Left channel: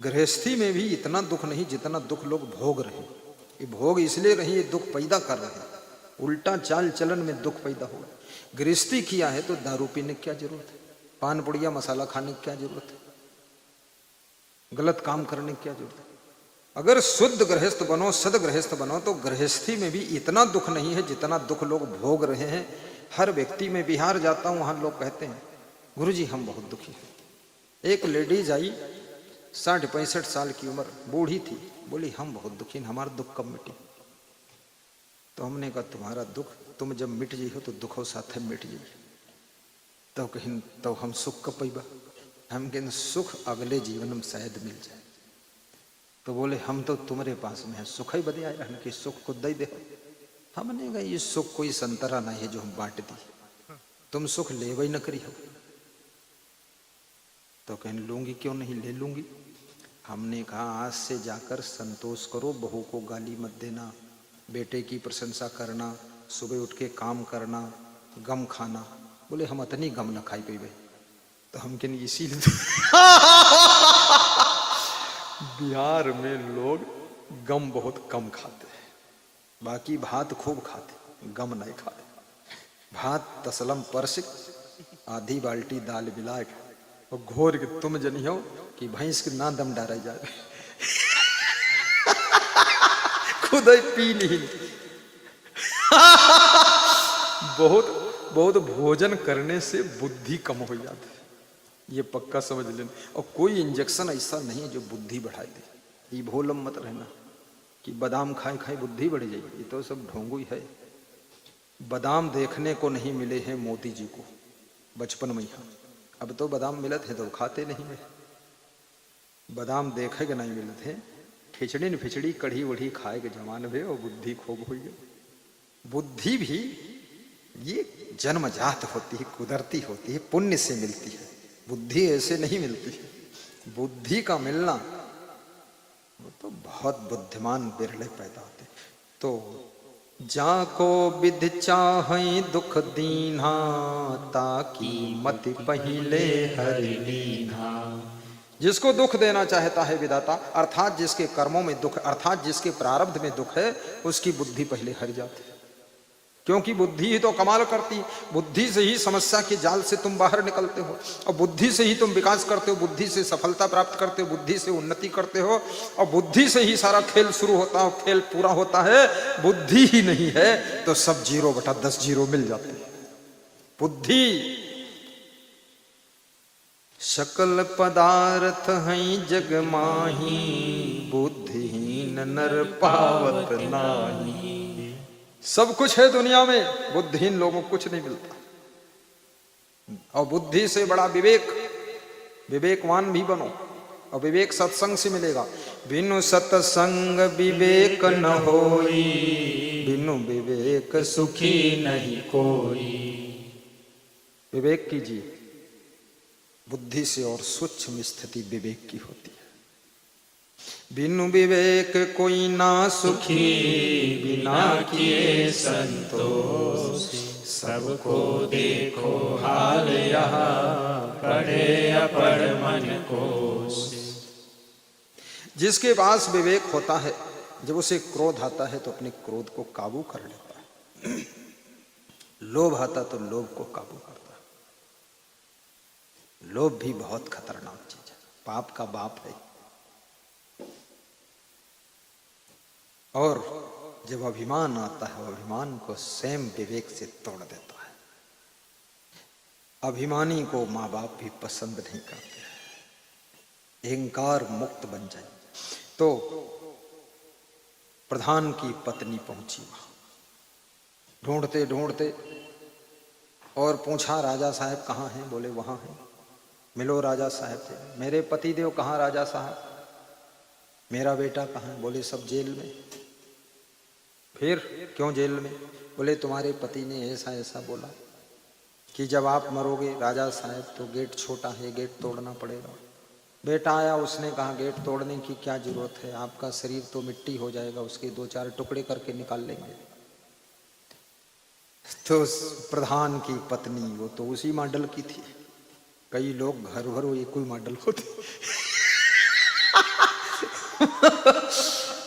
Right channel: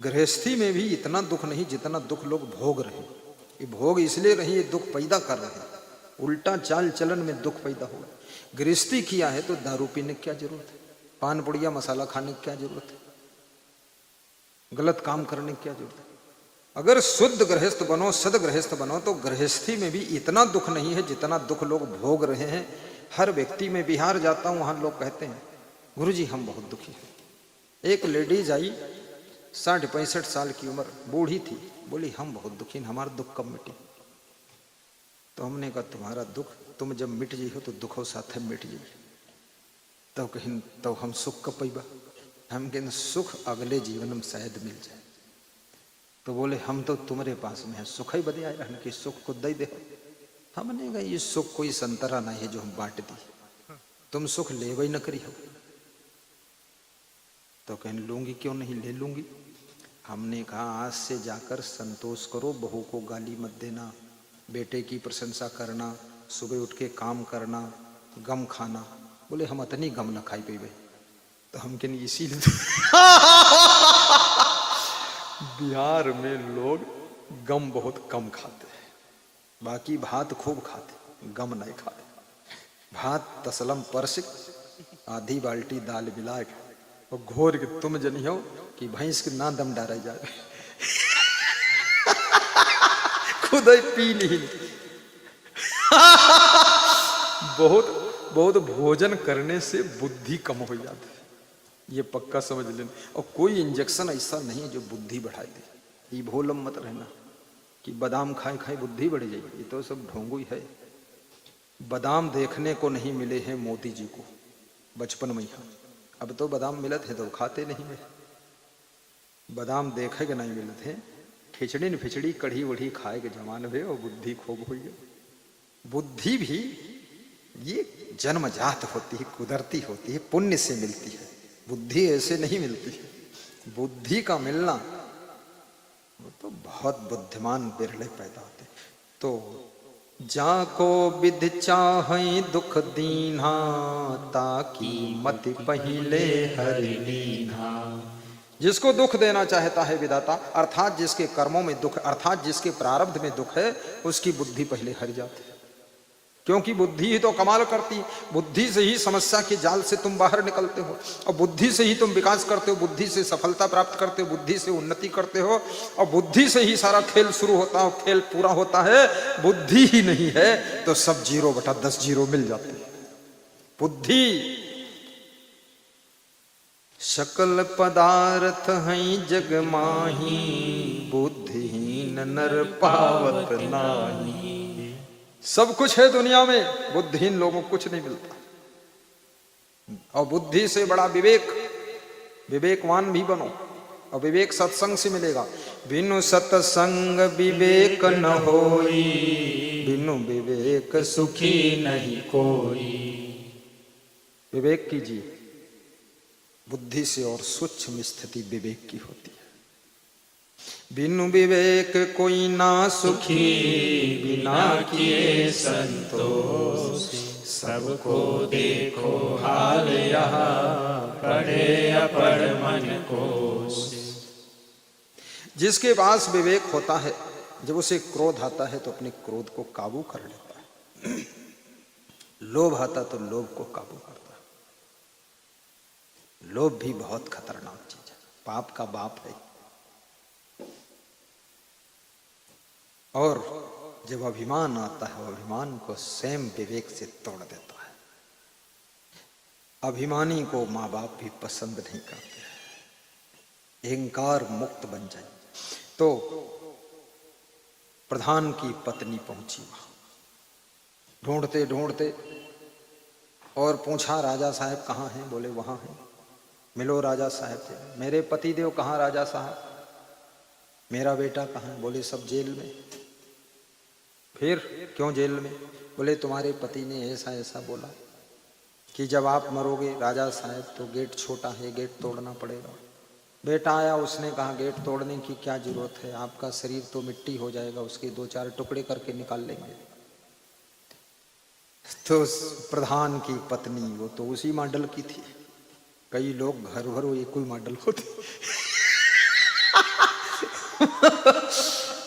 गृहस्थी में भी इतना दुख नहीं जितना दुख लोग भोग रहे। ये भोग इसलिए रही, ये दुख पैदा कर रहे हैं, उल्टा चाल चलन में दुख पैदा हुआ। गृहस्थी किया है तो दारू पीने की क्या जरूरत है, पान पुड़िया मसाला खाने की क्या जरूरत है, गलत काम करने की क्या जरूरत है। अगर शुद्ध गृहस्थ बनो, सद गृहस्थ बनो, तो गृहस्थी में भी इतना दुख नहीं है जितना दुख लोग भोग रहे हैं। हर व्यक्ति में, बिहार जाता हूं वहां लोग कहते हैं गुरु जी हम बहुत दुखी हैं। एक लेडीज आई 60-65 साल की उम्र, बूढ़ी थी, बोली हम बहुत दुखी हैं, हमारा दुख कब मिटे। तो हमने कहा तुम्हारा दुख तुम जब मिट जाए तो दुखों साथ मिट। तो कहें तो हम सुख को पैबा, हम कहें सुख अगले जीवन में शायद मिल जाए। तो बोले हम तो तुम्हारे पास में सुख ही बदे आया कि सुख को दे दे। हमने कहा ये सुख कोई संतरा नहीं है जो हम बांट दी, तुम सुख ले वही न करी हो। तो कहने लूंगी क्यों नहीं, ले लूंगी। हमने कहा आज से जाकर संतोष करो, बहू को गाली मत देना, बेटे की प्रशंसा करना, सुबह उठ के काम करना, गम खाना। बोले हम इतनी गम न खाई देवे। तो हम कहने इसीलिए बिहार में लोग गम बहुत कम खाते हैं, बाकी भात खूब खाते, गम नहीं खाते। भात तसलम परस आधी बाल्टी दाल बिलाट और घोर के तुम जनी हो कि भैंस के ना दम डारा जाए खुद ही पी नहीं। बहुत बहुत भोजन करने से बुद्धि कम हो जाती है, ये पक्का समझ लेना। और कोई इंजेक्शन ऐसा नहीं है जो बुद्धि बढ़ाए दे। ये भोलम मत रहना कि बादाम खाए खाए बुद्धि बढ़ जाएगी, ये तो सब ढोंगू ही है। बादाम देखने को नहीं मिले हैं मोदी जी को बचपन में ही, अब तो बादाम मिलत है तो खाते नहीं है। बादाम देखे के नहीं मिलते हैं, खिचड़ी न फिचड़ी कढ़ी वढ़ी खाए के जमाने में और बुद्धि खूब हो गई। बुद्धि भी ये जन्मजात होती है, कुदरती होती है, पुण्य से मिलती है। बुद्धि ऐसे नहीं मिलती है। बुद्धि का मिलना वो तो बहुत बुद्धिमान बिरले पैदा होते। तो जाको विध चाहे दुख दीन्हा, ताकि मत पहिले हर लीन्हा। जिसको दुख देना चाहता है विधाता, अर्थात जिसके कर्मों में दुख, अर्थात जिसके प्रारब्ध में दुख है, उसकी बुद्धि पहले हर जाती है। क्योंकि बुद्धि ही तो कमाल करती है। बुद्धि से ही समस्या के जाल से तुम बाहर निकलते हो, और बुद्धि से ही तुम विकास करते हो, बुद्धि से सफलता प्राप्त करते हो, बुद्धि से उन्नति करते हो, और बुद्धि से ही सारा खेल शुरू होता है, खेल पूरा होता है। बुद्धि ही नहीं है तो सब 0/10 जीरो मिल जाते हैं। बुद्धि सकल पदार्थ हैं जग माही, बुद्धिहीन नर पावत नाहीं। सब कुछ है दुनिया में, बुद्धिहीन लोगों को कुछ नहीं मिलता। और बुद्धि से बड़ा विवेक, विवेकवान भी बनो, और विवेक सत्संग से मिलेगा। बिनु सत्संग विवेक न होई, बिनु विवेक सुखी नहीं कोई। विवेक कीजिए, बुद्धि से और सूक्ष्म स्थिति विवेक की होती है। बिनु विवेक कोई ना सुखी, बिना किए संतोष। सबको देखो हाल यहाँ, पड़े अपर मन कोश। जिसके पास विवेक होता है, जब उसे क्रोध आता है तो अपने क्रोध को काबू कर लेता है। लोभ आता तो लोभ को काबू करता है। लोभ भी बहुत खतरनाक चीज है, पाप का बाप है। और जब अभिमान आता है, अभिमान को स्वयं विवेक से तोड़ देता है। अभिमानी को माँ बाप भी पसंद नहीं करते। अहंकार मुक्त बन जाए। तो प्रधान की पत्नी पहुंची वहां, ढूंढते ढूंढते, और पूछा राजा साहब कहाँ हैं? बोले वहां हैं। मिलो राजा साहब से। मेरे पति देव कहाँ राजा साहब? मेरा बेटा कहाँ? बोले सब जेल में। फिर क्यों जेल में? बोले तुम्हारे पति ने ऐसा ऐसा बोला कि जब आप मरोगे राजा साहब तो गेट छोटा है, गेट तोड़ना पड़ेगा। बेटा आया, उसने कहा गेट तोड़ने की क्या जरूरत है, आपका शरीर तो मिट्टी हो जाएगा, उसके 2-4 टुकड़े करके निकाल लेंगे। तो प्रधान की पत्नी वो तो उसी मॉडल की थी। कई लोग घर भर एक कोई मॉडल होते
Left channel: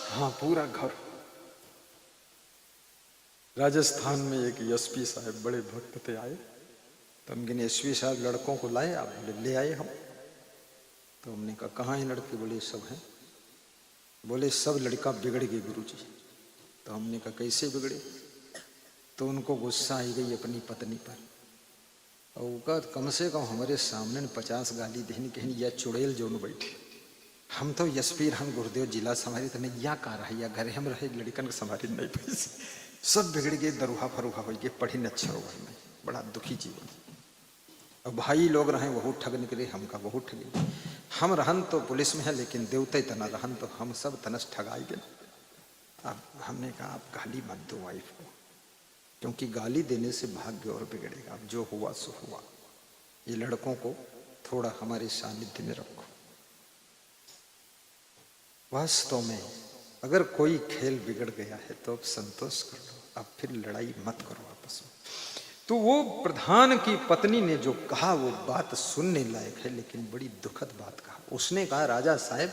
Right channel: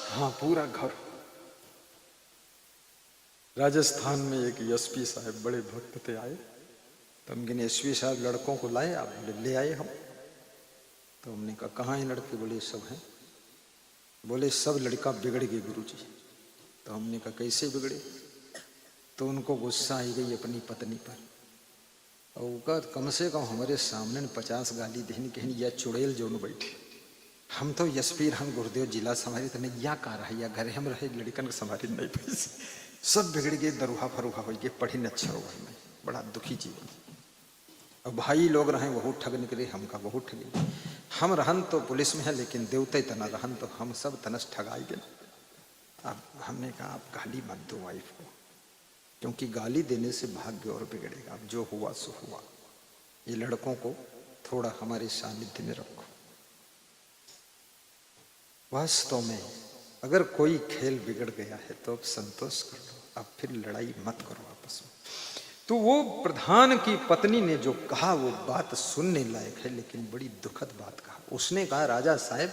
हाँ पूरा घर। राजस्थान में एक एसपी साहब बड़े भक्त थे आए, तो उनके एसपी साहब लड़कों को लाए, आप बोले ले आए हम। तो हमने कहा कहाँ है लड़के? बोले सब हैं। बोले सब लड़का बिगड़ गए गुरुजी। तो हमने कहा कैसे बिगड़े? तो उनको गुस्सा आई गई अपनी पत्नी पर। उनका कम से कम हमारे सामने 50 गाली देनी कहीं या चुड़ैल जो बैठे। हम तो एसपी हम गुरुदेव जिला समाज तो नहीं या कह रहा है या घर हमारे लड़कन समाज नहीं, सब बिगड़ गए, दरुहा फरुहा हो गए, पढ़ी न अच्छा हुआ, बड़ा दुखी जीवन। अब भाई लोग रहे बहुत ठग निकले, हम का बहुत ठगे। हम रहन तो पुलिस में है लेकिन देवते तना रहन तो हम सब तनस ठगाई गए। हमने कहा आप गाली मत दो वाइफ को, क्योंकि गाली देने से भाग्य और बिगड़ेगा। जो हुआ सो हुआ। ये लड़कों को थोड़ा हमारे सानिध्य में रखो। वास्तव में अगर कोई खेल बिगड़ गया है तो अब संतोष करो, अब फिर लड़ाई मत करो आपस में। तो वो प्रधान की पत्नी ने जो कहा वो बात सुनने लायक है, लेकिन बड़ी दुखद बात कहा। उसने कहा राजा साहब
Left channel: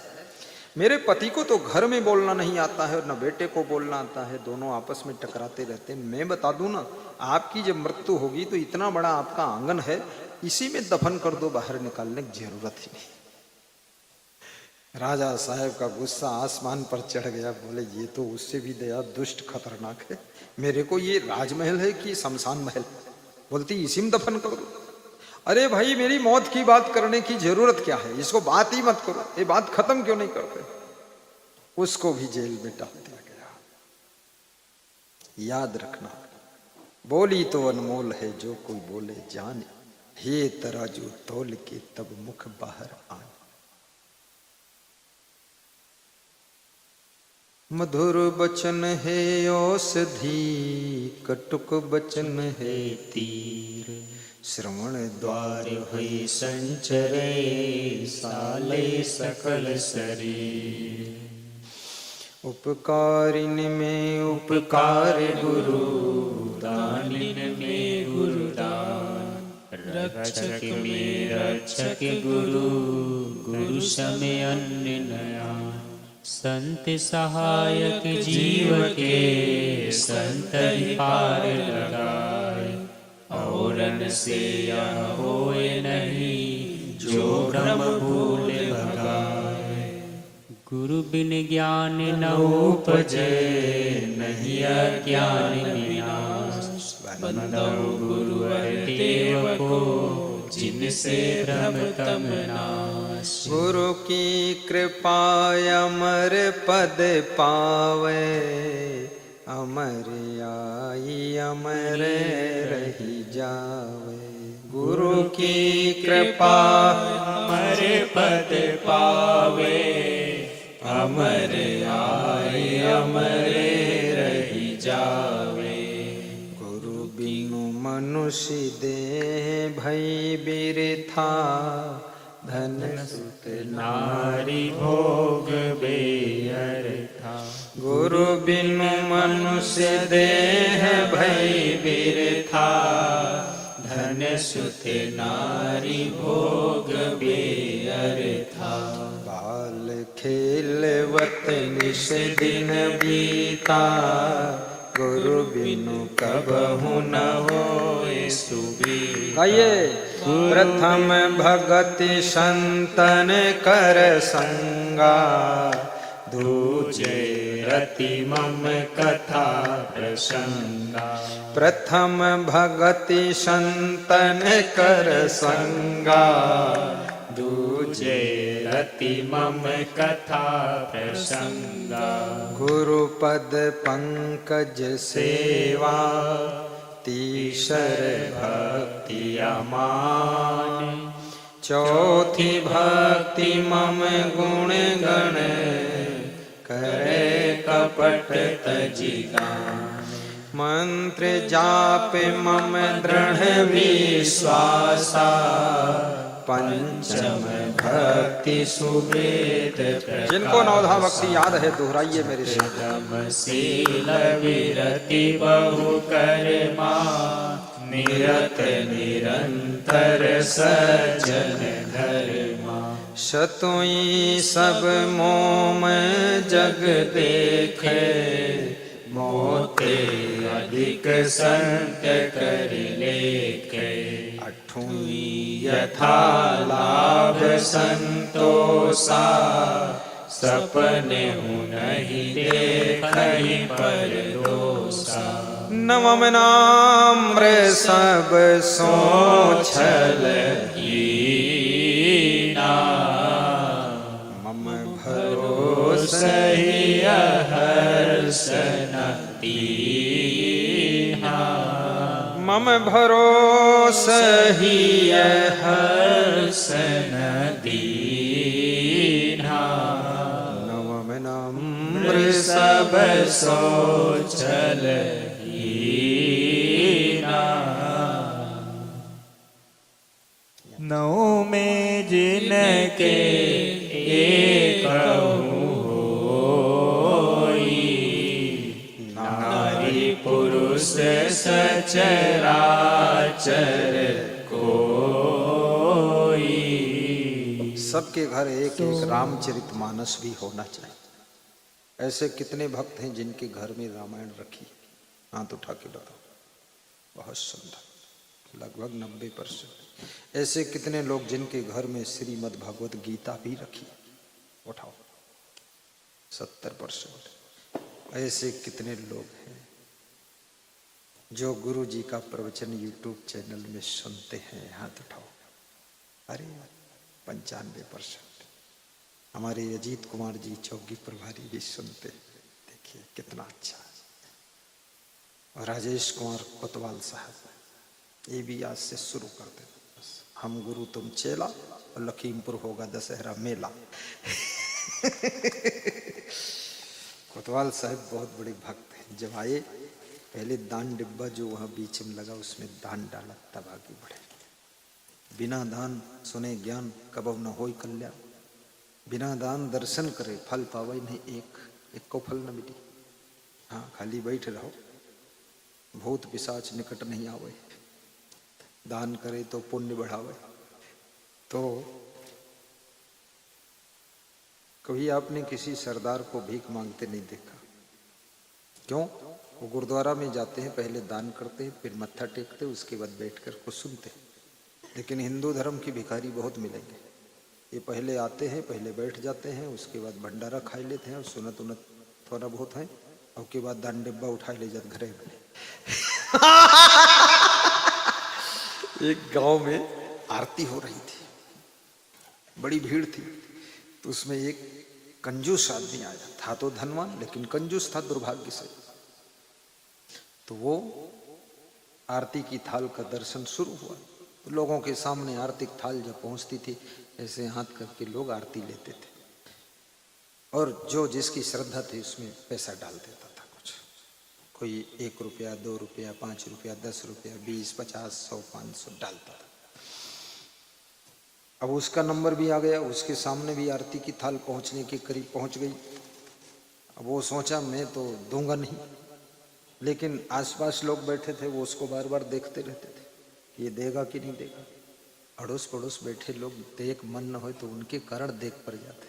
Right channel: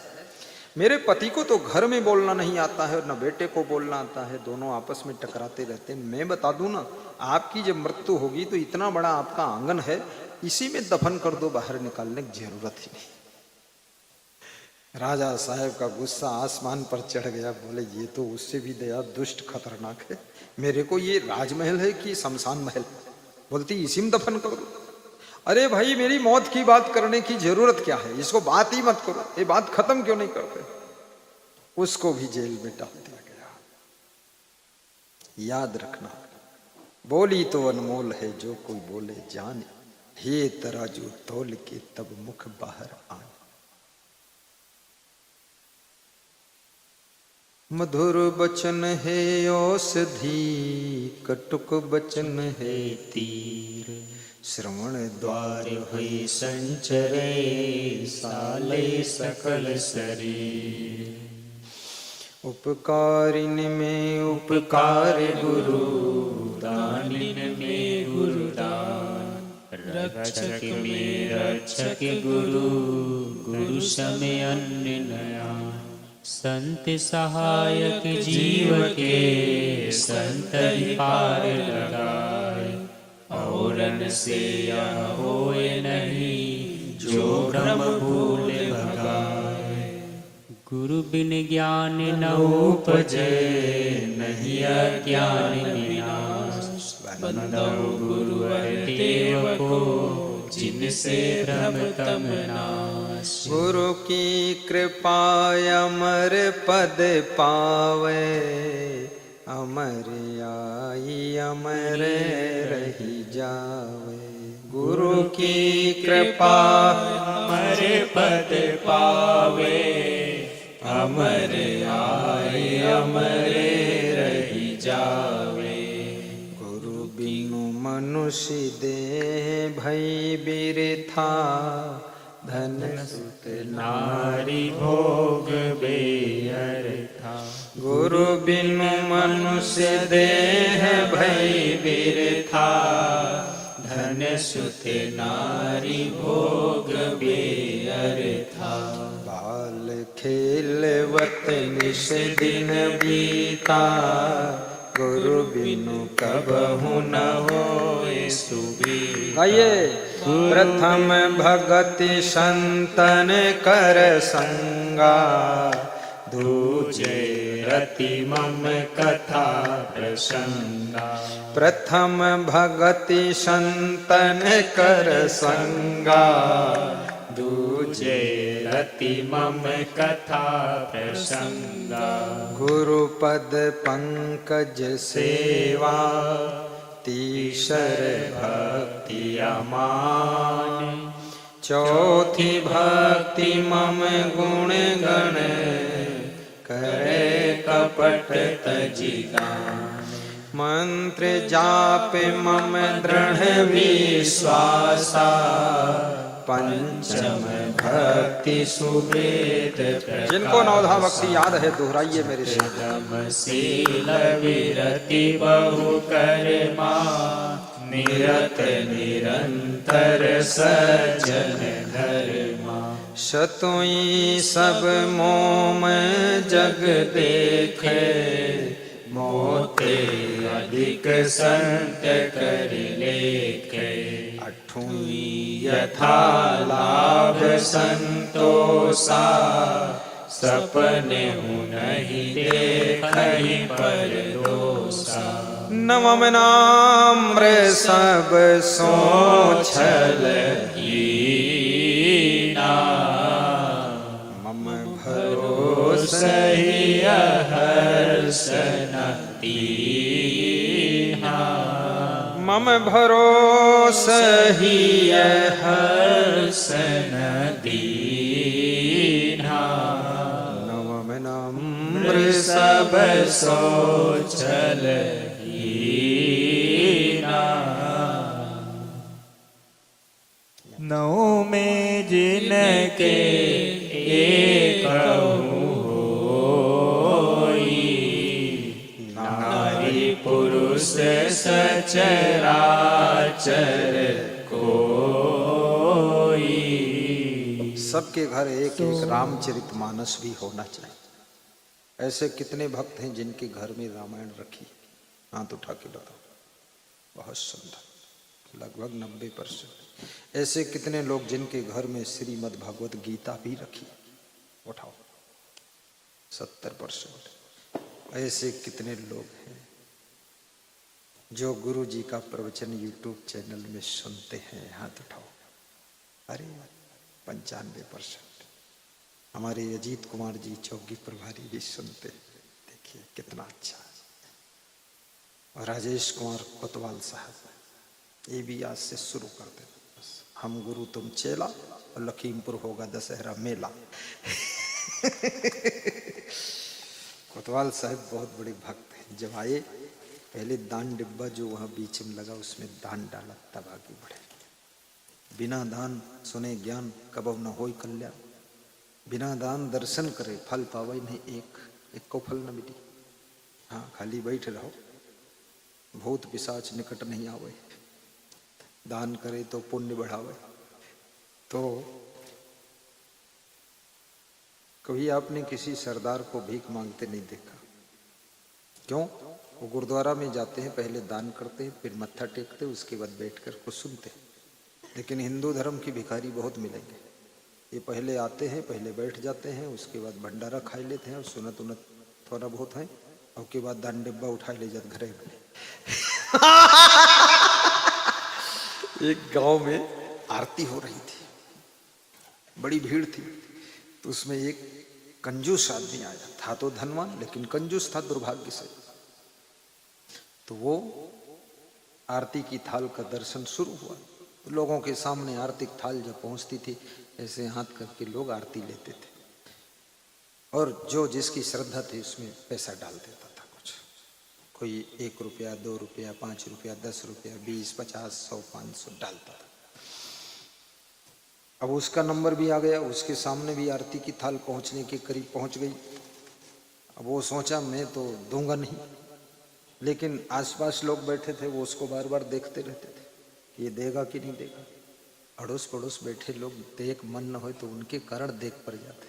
मेरे पति को तो घर में बोलना नहीं आता है और न बेटे को बोलना आता है, दोनों आपस में टकराते रहते हैं। मैं बता दूं ना, आपकी जब मृत्यु होगी तो इतना बड़ा आपका आंगन है, इसी में दफन कर दो, बाहर निकालने की जरूरत ही नहीं। राजा साहब का गुस्सा आसमान पर चढ़ गया। बोले ये तो उससे भी दया दुष्ट खतरनाक है, मेरे को ये राजमहल है कि शमशान महल? बोलती इसी में दफन कर दो। अरे भाई मेरी मौत की बात करने की जरूरत क्या है, इसको बात ही मत करो, ये बात खत्म क्यों नहीं करते? उसको भी जेल में डाल दिया गया। याद रखना, बोली तो अनमोल है जो कोई बोले जान, हे तराजू तोल के तब मुख बाहर आन। मधुर बचन है औषधि, कटुक बचन है तीर, श्रवण द्वार है संचरे, साले सकल शरीर। उपकारिन में उपकार गुरु, दानिन में गुरुदान, रक्षक में रक्षक गुरु, गुरु समय अन्य नयन। संत सहायक जीव के, संत पार लगाए, औरन से यह होए नहीं, जो भ्रम भूल भगाए। गुरु बिन ज्ञान न उपजे, नहीं ज्ञान विनाश, बंदौ गुरु देव को, जिनसे भ्रम तम नाश। गुरु की कृपा अमर पद पावे, अमर आई अमर रही जावे। गुरु की कृपा अमर पद पावे, अमर आई अमर रही जावे। गुरु बिनु मनुष्य देह भई बिरथा, धन नारी भोग बेअर्था। गुरु बिनु मनुष्य देह भई बिरथा, धन सुख नारी भोग बेअर्था। बाल खेलवत निश दिन बीता, गुरु बिनु कबहु न होई सुबीता। प्रथम भगति संतन कर संगा, दूजे रति मम कथा प्रसंगा। प्रथम भगति संतन कर संगा, दूजे रति मम कथा प्रसंगा। गुरु पद पंकज सेवा, तीसर भक्ति अमान। चौथी भक्ति मम गुण गण, करे कपट तजिगार। मंत्र जाप मम दृढ़ विश्वासा, पंचम भक्ति सुवेद। जिनको नवधा भक्ति याद है दोहराइए मेरे विरति बहु करबा, निरत निरंतर सज्जन धर्मा। सतुई सब मोम जग देखे, मोते अधिक संत कर लेखे। अठुई यथा लाभ संतोषा, सपने नहीं देखहि पर दोषा। नवम नाम्र सब सो छल हीना, मम सही हर्षन दीहा। मम भरोसा ही हर्षन दीहा। सब साचल हीना। नौ में जिनके एक नारी पुरुष सचराचर कोई। सबके घर एक एक रामचरितमानस भी होना चाहिए। ऐसे कितने भक्त हैं जिनके घर में रामायण रखी है? हाथ उठा के बताओ। बहुत सुंदर, लगभग 90%। ऐसे कितने लोग जिनके घर में श्रीमद् भागवत गीता भी रखी है? उठाओ। 70%। ऐसे कितने लोग जो गुरु जी का प्रवचन यूट्यूब चैनल में सुनते हैं? हाथ उठाओ। अरे 95%। हमारे अजीत कुमार जी चौकी प्रभारी भी सुनते। देखिए कितना अच्छा। राजेश कुमार कोतवाल साहब, ये भी आज से शुरू करते। हम गुरु तुम चेला, लखीमपुर होगा दशहरा मेला। कोतवाल साहब बहुत बड़े भक्त हैं। जब आए पहले दान डिब्बा जो वहाँ बीच में लगा उसमें दान डाला, तब आगे बढ़े। बिना दान सुने ज्ञान कबव न होय कल्याण। बिना दान दर्शन करे फल पावे नहीं, एक को फल न मिले। हाँ, खाली बैठ रहो, भूत पिशाच निकट नहीं आवे। दान करे तो पुण्य बढ़ावे। तो कभी आपने किसी सरदार को भीख मांगते नहीं देखा? क्यों? वो गुरुद्वारा में जाते हैं, पहले दान करते हैं, फिर मत्था टेकते हैं, उसके बाद बैठकर कुछ सुनते हैं। लेकिन हिंदू धर्म के भिखारी बहुत मिलेंगे। ये पहले आते हैं, पहले बैठ जाते हैं, उसके बाद भंडारा खाई लेते हैं और सुनत उनत थोड़ा बहुत है, और उसके बाद दान डिब्बा उठा ले जाते घरे। एक गांव में आरती हो रही थी, बड़ी भीड़ थी। तो उसमें एक कंजूस आदमी आया था, तो धनवान लेकिन कंजूस था दुर्भाग्य से। तो वो आरती की थाल का दर्शन शुरू हुआ। लोगों के सामने आरती थाल जब पहुंचती थी, ऐसे हाथ करके लोग आरती लेते थे, और जो जिसकी श्रद्धा थी उसमें पैसा डाल देता था। कुछ कोई 1 रुपया, 2 रुपया, 5 रुपया, 10 रुपया, 20, 50, 100, 500 डालता था। अब उसका नंबर भी आ गया, उसके सामने भी आरती की थाल पहुंचने के करीब पहुंच गई। अब वो सोचा मैं तो दूंगा नहीं, लेकिन आसपास लोग बैठे थे, वो उसको बार बार देखते रहते थे, ये देगा कि नहीं देगा। अड़ोस पड़ोस बैठे लोग देख मन न हो तो उनके कारण देख पड़ जाते।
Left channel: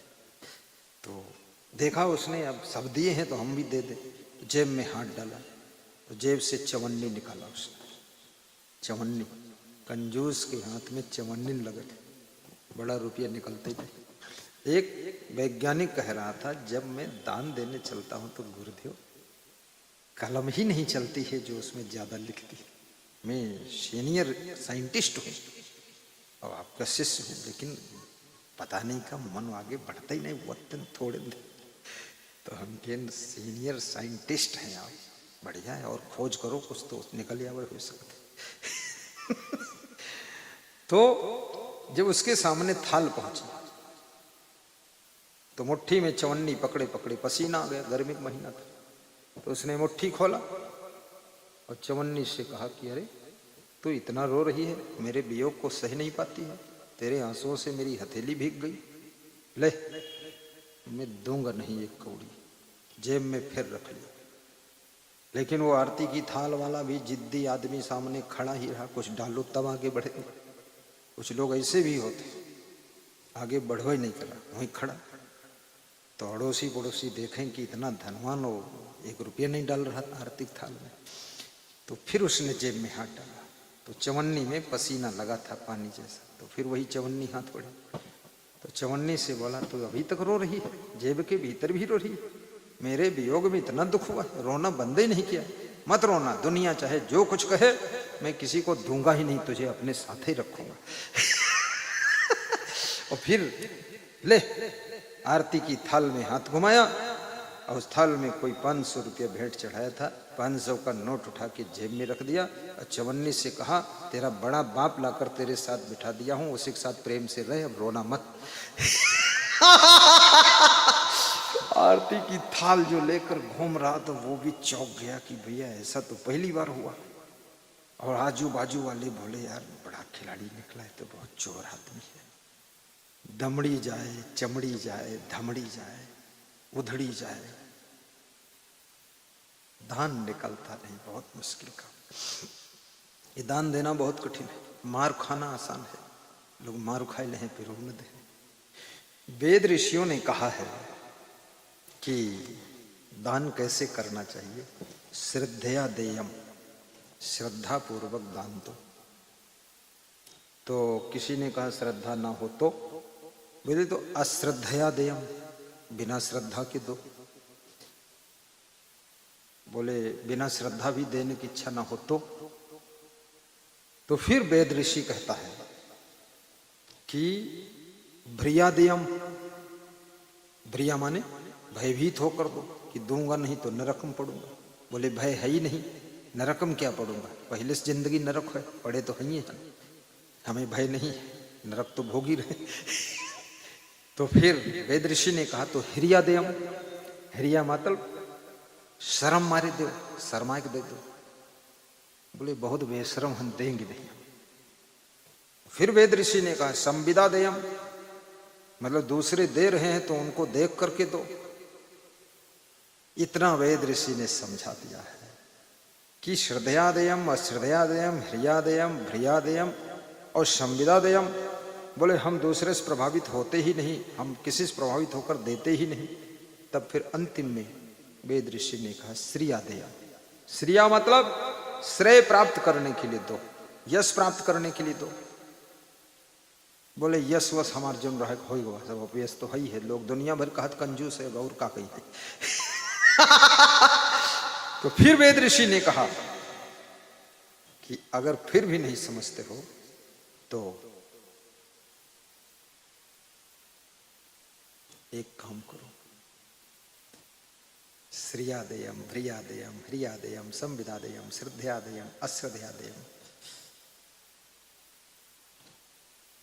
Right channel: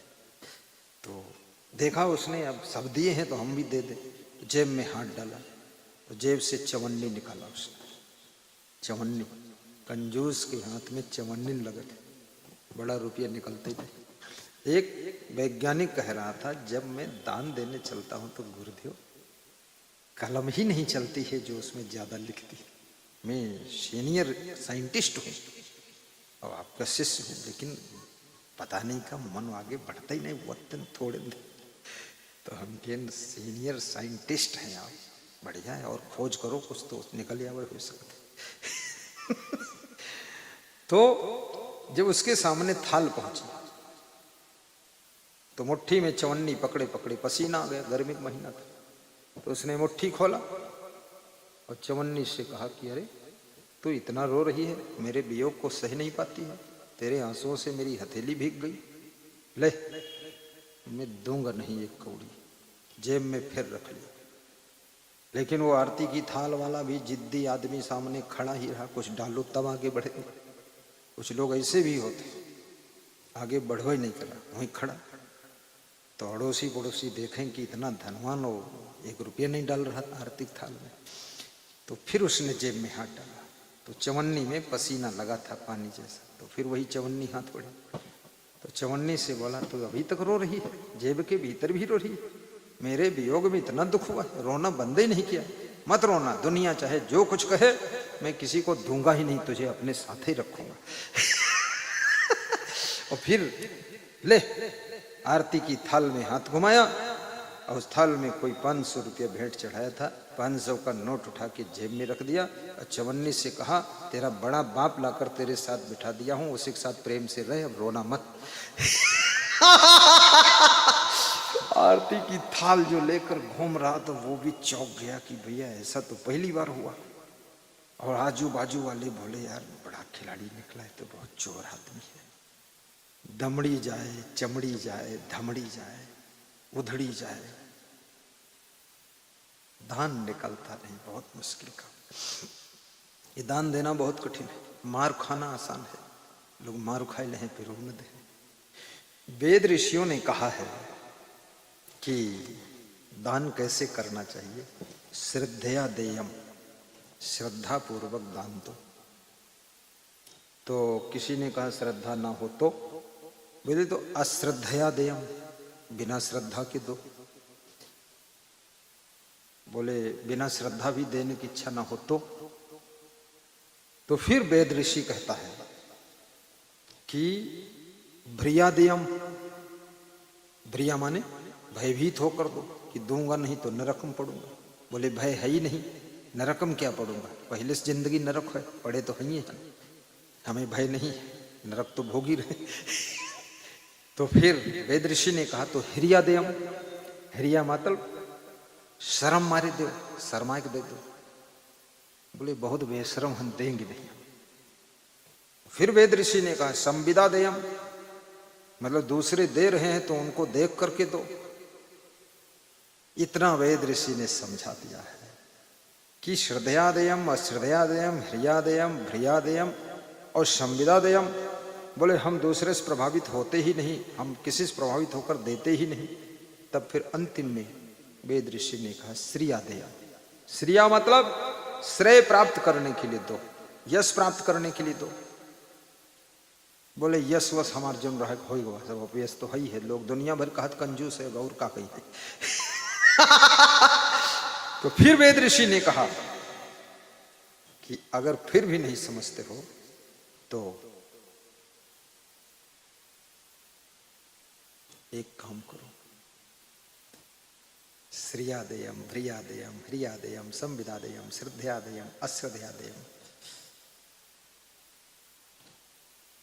तो देखा उसने, अब सब दिए हैं तो हम भी दे दें। तो जेब में हाथ डाला, तो जेब से चवन्नी निकाला उसने। चवन्नी, कंजूस के हाथ में चवन्नी लगे थे, बड़ा रुपया निकलता ही नहीं। एक वैज्ञानिक कह रहा था, जब मैं दान देने चलता हूं तो गुरुदेव कलम ही नहीं चलती है जो उसमें ज्यादा लिखती है। मैं सीनियर साइंटिस्ट हूँ और आपका शिष्य हूँ, लेकिन पता नहीं का मन आगे बढ़ता ही नहीं, तुम थोड़े तो सीनियर साइंटिस्ट हैं आप, बढ़िया है, और खोज करो कुछ तो निकल आवे हो सकता। तो जब उसके सामने थाल पहुंची तो मुट्ठी में चवन्नी पकड़े पकड़े पसीना आ गया, गर्मी का महीना था। तो उसने मुट्ठी खोला और चवन्नी से कहा कि अरे तू इतना रो रही है, मेरे वियोग को सह नहीं पाती है, तेरे आंसुओं से मेरी हथेली भीग गई, ले मैं दूंगा नहीं एक कौड़ी, जेब में फिर रख। लेकिन वो आरती की थाल वाला भी जिद्दी आदमी सामने खड़ा ही रहा, कुछ डालो तब आगे बढ़े। कुछ लोग ऐसे भी होते, आगे बढ़वा ही नहीं करा, वहीं खड़ा। तो अड़ोसी पड़ोसी देखें कि इतना धनवान हो, 1 रुपया नहीं डाल रहा था आर्थिक थाल में। तो फिर उसने जेब में हाथ डाला, तो चवन्नी में पसीना लगा था पानी जैसा, तो फिर वही चवन्नी हाथ पड़ी। तो चवन्नी से बोला, तो अभी तक रो रही है, जेब के भीतर भी रो रही है, मेरे वियोग में इतना दुख हुआ, रोना बंद ही नहीं किया। मत रोना, दुनिया चाहे जो कुछ कहे, मैं किसी को दूंगा ही नहीं, तुझे अपने साथ ही रखूंगा। फिर ले आरती की थाल में हाथ घुमाया, और उस थाल में कोई 500 रुपया भेंट चढ़ाया था, 500 का नोट उठा के जेब में रख दिया, और चवन्नी से कहा, तेरा बड़ा बाप लाकर तेरे साथ बिठा दिया हूं, उसी के साथ प्रेम से रहे, अब रोना मत। आरती की थाल जो लेकर घूम रहा, तो वो भी चौंक गया कि भैया ऐसा तो पहली बार हुआ। और आजू बाजू वाले बोले, यार बड़ा खिलाड़ी निकला है, तो बहुत चोर आदमी है, दमड़ी जाए, चमड़ी जाए, धमड़ी जाए, उधड़ी जाए, दान निकलता नहीं, बहुत मुश्किल काम। ये दान देना बहुत कठिन है, मार खाना आसान है, लोग मार खाए ले फिर वो न दे। वेद ऋषियों ने कहा है कि दान कैसे करना चाहिए, श्रद्धया देयम, श्रद्धा पूर्वक दान दो। तो किसी ने कहा श्रद्धा ना हो तो बोले, तो अश्रद्धया देयम, बिना श्रद्धा के दो। बोले बिना श्रद्धा भी देने की इच्छा ना हो तो फिर वेद ऋषि कहता है कि भ्रियादेयम, भ्रिया माने भयभीत होकर दो, कि दूंगा नहीं तो नरक में पड़ूंगा। बोले भय है ही नहीं, नरक में क्या पड़ूंगा, पहले से जिंदगी नरक है, पड़े तो है, हमें भय नहीं, नरक तो भोगी रहे। तो फिर वेद ऋषि ने कहा, तो हिरियादेयम, हिरिया मतलब शर्म मारे दे, शर्मा के दे। बोले बहुत बेशरम, हम देंगे नहीं। फिर वेद ऋषि ने कहा संविदा देयम, मतलब दूसरे दे रहे हैं तो हमको देख करके दो। इतना वेद ऋषि ने समझा दिया है कि श्रद्धयादेयम, अश्रद्धयादेयम, हृदयादेयम, भ्रियादेयम और संविदादेयम। बोले हम दूसरे से प्रभावित होते ही नहीं, हम किसी से प्रभावित होकर देते ही नहीं। तब फिर अंतिम में वेद ऋषि ने कहा श्रियादेया, श्रिया मतलब श्रेय प्राप्त करने के लिए दो, यश प्राप्त करने के लिए दो। बोले यश वश हमार जन रहा होगा, सब यश तो है ही है, लोग दुनिया भर का हाथ कंजूस है, गौर का कही है। तो फिर वेद ऋषि ने कहा कि अगर फिर भी नहीं समझते हो तो एक काम करो, श्रियादेयम, भ्रियादेयम, ह्रियादेयम, संविदादेयम, श्रद्धयादेयम, अश्रद्धयादेयम,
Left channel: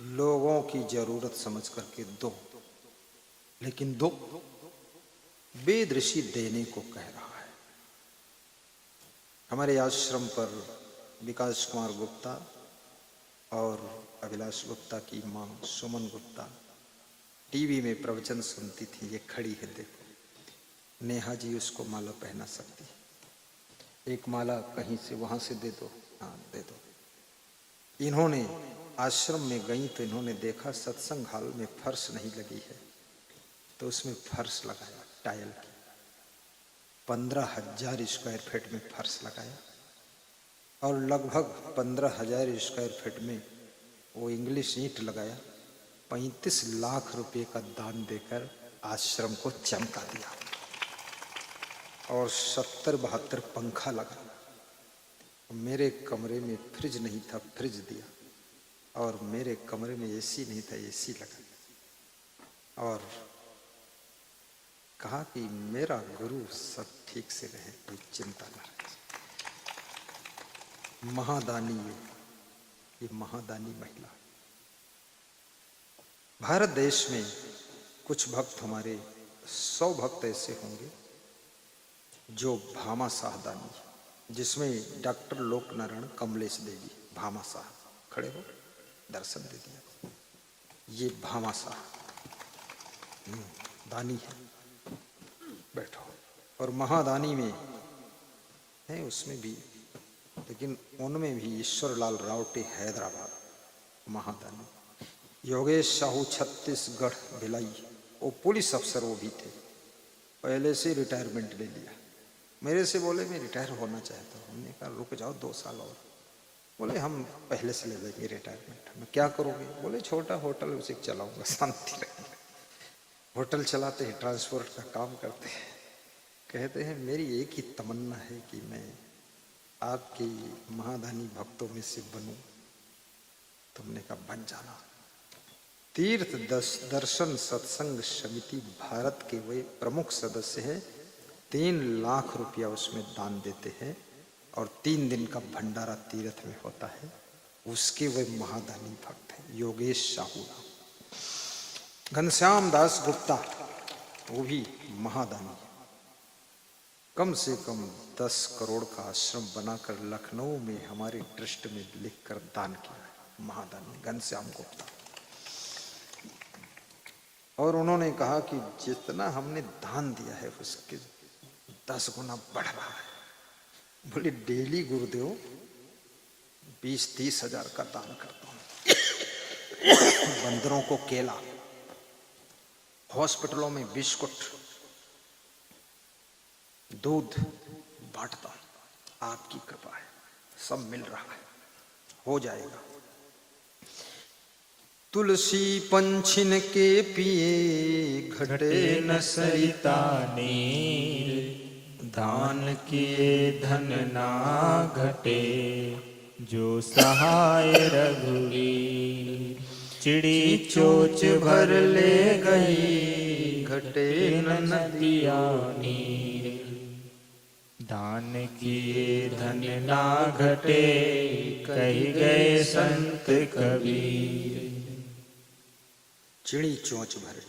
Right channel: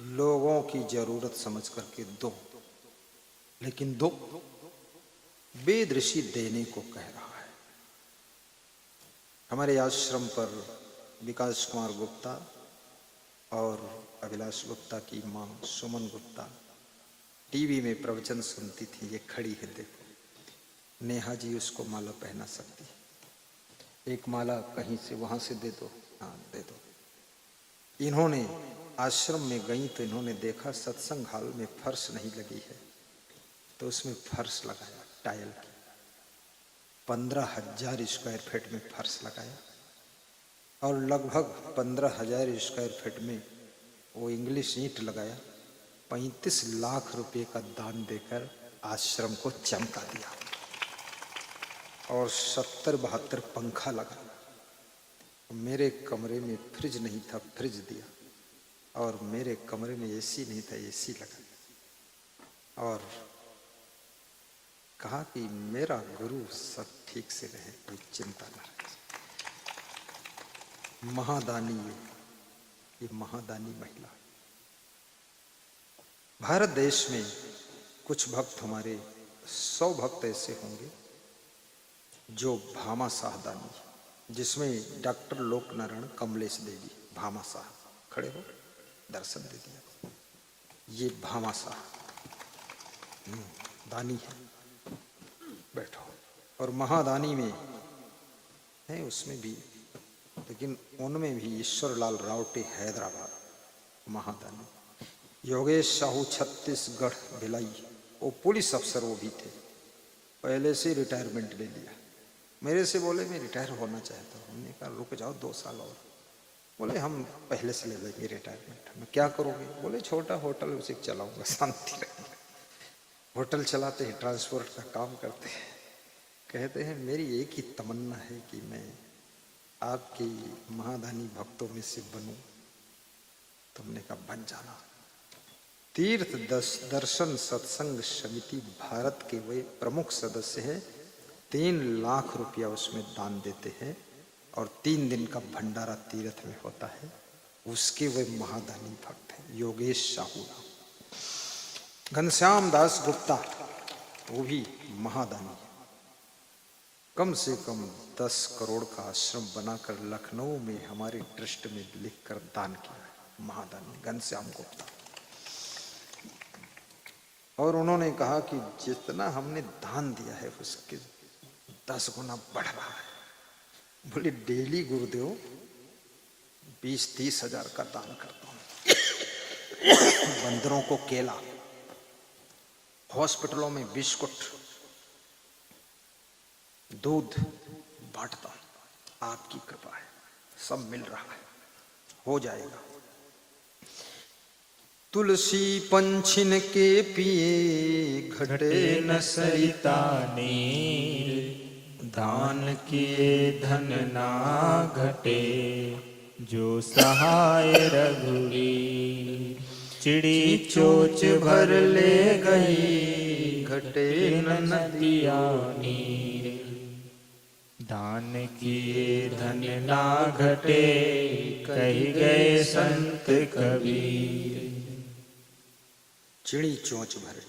लोगों की जरूरत समझ करके दो, लेकिन दो। वेद ऋषि देने को कह रहा है। हमारे आश्रम पर विकास कुमार गुप्ता और अभिलाष गुप्ता की मां सुमन गुप्ता टीवी में प्रवचन सुनती थी, ये खड़ी है, नेहा जी उसको माला पहना सकती है, एक माला कहीं से वहां से दे दो, हाँ दे दो। इन्होंने आश्रम में गई तो इन्होंने देखा सत्संग हाल में फर्श नहीं लगी है, तो उसमें फर्श लगाया, टाइल 15,000 स्क्वायर फीट में फर्श लगाया, और लगभग 15,000 स्क्वायर फीट में वो इंग्लिश ईंट लगाया। 35 लाख रुपए का दान देकर आश्रम को चमका दिया, और 70-72 पंखा लगाया। मेरे कमरे में फ्रिज नहीं था, फ्रिज दिया, और मेरे कमरे में एसी नहीं था, एसी लगा, और कहा कि मेरा गुरु सब ठीक से रहे, कोई चिंता न रहे। महादानी, ये महादानी महिला। भारत देश में कुछ भक्त हमारे 100 भक्त ऐसे होंगे जो भामाशाह दानी, जिसमें डॉक्टर लोकनारायण कमलेश देवी भामाशाह खड़े हो, दर्शन दीजिए। ये भामाशाह दानी है, बैठो। और महादानी में है, उसमें भी, लेकिन उनमें भी ईश्वर लाल रावटे हैदराबाद महादानी। योगेश साहू छत्तीसगढ़ भिलाई, वो पुलिस अफसर वो भी थे, पहले से रिटायरमेंट ले लिया। मेरे से बोले मैं रिटायर होना चाहता हूँ। रुक जाओ 2 साल और। बोले हम पहले से ले लेंगे रिटायरमेंट। मैं क्या करोगे? बोले छोटा होटल उसी चलाऊंगा, शांति रहेगी। होटल चलाते हैं, ट्रांसपोर्ट का काम करते हैं। कहते हैं मेरी एक ही तमन्ना है कि मैं आपके महादानी भक्तों में से बनूं। तुमने कब बन जाना। तीर्थ दर्शन सत्संग समिति भारत के वे प्रमुख सदस्य हैं। 3 लाख रुपया उसमें दान देते हैं और 3 दिन का भंडारा तीर्थ में होता है। उसके वे महादानी भक्त हैं, योगेश साहू। घनश्याम दास गुप्ता, वो भी महादानी। कम से कम 10 करोड़ का आश्रम बनाकर लखनऊ में हमारे ट्रस्ट में लिखकर दान किया है, महादानी घनश्याम गुप्ता। और उन्होंने कहा कि जितना हमने दान दिया है उसके 10 गुना बढ़ रहा है। बोले डेली गुरुदेव 20-30 हजार का दान करता हूं। बंदरों को केला, हॉस्पिटलों में बिस्कुट, दूध बांटता है। आपकी कृपा है, सब मिल रहा है, हो जाएगा। तुलसी पंछिन के पिए खड़े न सरिता नीर, दान किए धन ना घटे, जो सहाय रघुवीर। चिड़ी चोच भर ले गई, घटे न नदिया नीर, दान किए धन ना घटे, कही गए संत कबीर। चिड़ी चोंच भरे।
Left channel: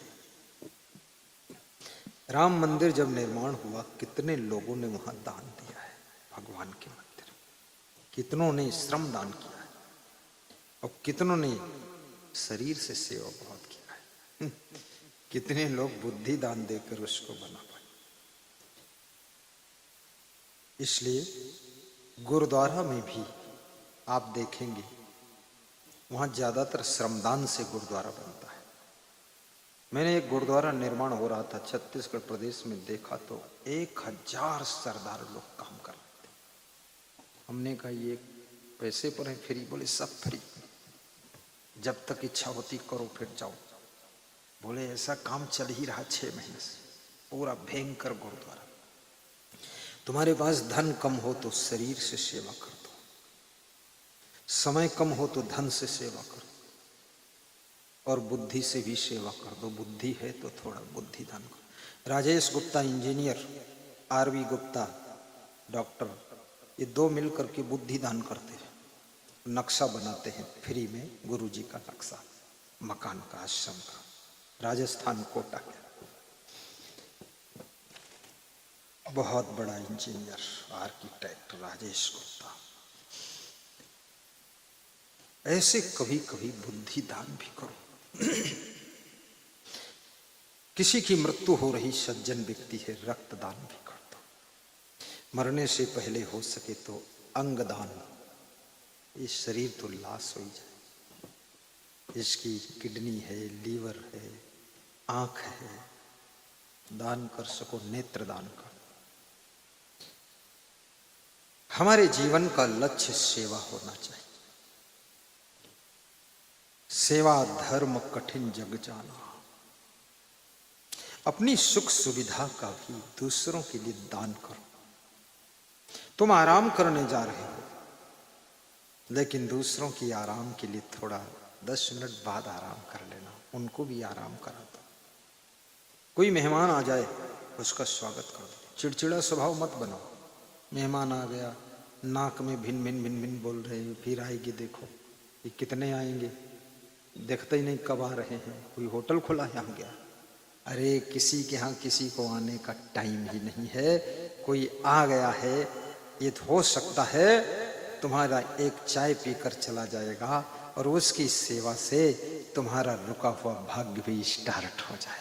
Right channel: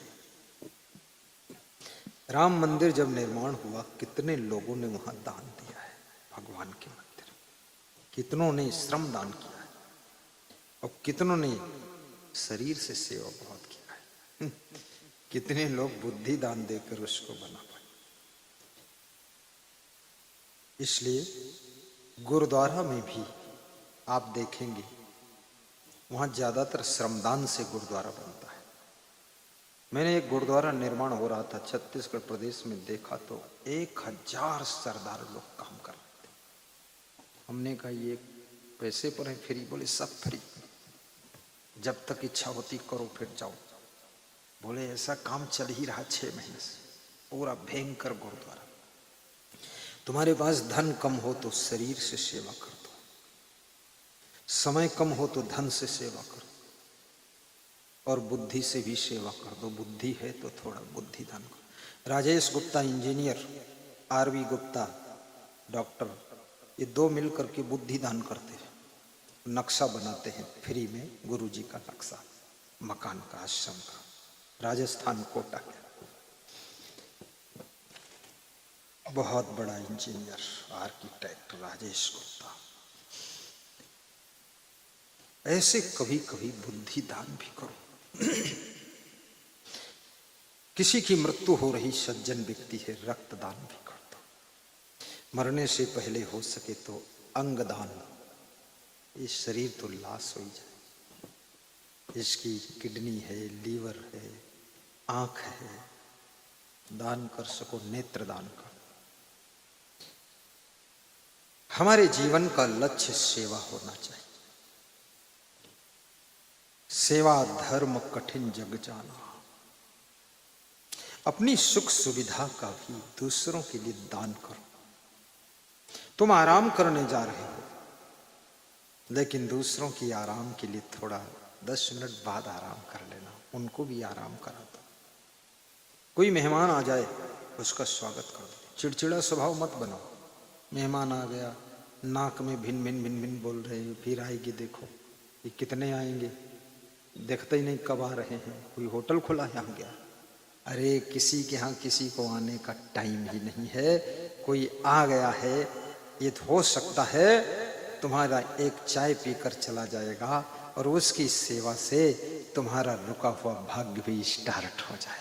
राम मंदिर जब निर्माण हुआ, कितने लोगों ने वहां दान दिया है भगवान के मंदिर। कितनों ने श्रम दान किया है और कितनों ने शरीर से सेवा भाव किया है। कितने लोग बुद्धि दान देकर उसको बना पाए। इसलिए गुरुद्वारा में भी आप देखेंगे वहां ज्यादातर श्रमदान से गुरुद्वारा बनता है। मेरे एक गुरुद्वारा निर्माण हो रहा था छत्तीसगढ़ प्रदेश में, देखा 1000 सरदार लोग काम कर रहे थे। हमने कहा ये पैसे पूरे फ्री? बोले सब फ्री, जब तक इच्छा होती करो फिर जाओ। बोले ऐसा काम चल ही रहा 6 महीने से, पूरा भयंकर गुरुद्वारा। तुम्हारे पास धन कम हो तो शरीर से सेवा कर दो, समय कम हो तो धन से सेवा कर दो, और बुद्धि से भी सेवा कर दो। बुद्धि है तो थोड़ा बुद्धि दान। Rajesh Gupta engineer, RV Gupta doctor, ये 2 मिलकर के बुद्धि दान करते हैं, नक्शा बनाते हैं फ्री में, गुरुजी का नक्शा मकान का, आश्रम का, राजस्थान कोटा का। बहुत बड़ा इंजीनियर आर्किटेक्ट राजेश गुप्ता। ऐसे कभी कभी बुद्धि दान भी करो। किसी की मृत्यु हो रही सज्जन व्यक्ति है, रक्तदान भी कर दो। मरने से पहले हो सके तो अंग दान। ये शरीर तो लाश हो जाए, इसकी किडनी है, लीवर है, आंख है, दान कर सको, नेत्र दान कर। हमारे जीवन का लक्ष्य सेवा होना चाहिए। सेवा धर्म कठिन जग जाना। अपनी सुख सुविधा का भी दूसरों के लिए दान करो। तुम आराम करने जा रहे हो, लेकिन दूसरों की आराम के लिए थोड़ा 10 मिनट बाद आराम कर लेना, उनको भी आराम करा दो। कोई मेहमान आ जाए उसका स्वागत करो, चिड़चिड़ा स्वभाव मत बनो। मेहमान आ गया, नाक में भिन भिन भिन भिन बोल रहे हैं, फिर आएंगे, देखो कितने आएंगे, देखते ही नहीं कब आ रहे हैं। कोई होटल खुला है यहाँ गया, अरे किसी के यहाँ किसी को आने का टाइम ही नहीं है। कोई आ गया है, ये तो हो सकता है तुम्हारा एक चाय पीकर चला जाएगा और उसकी सेवा से तुम्हारा रुका हुआ भाग्य भी स्टार्ट हो जाएगा।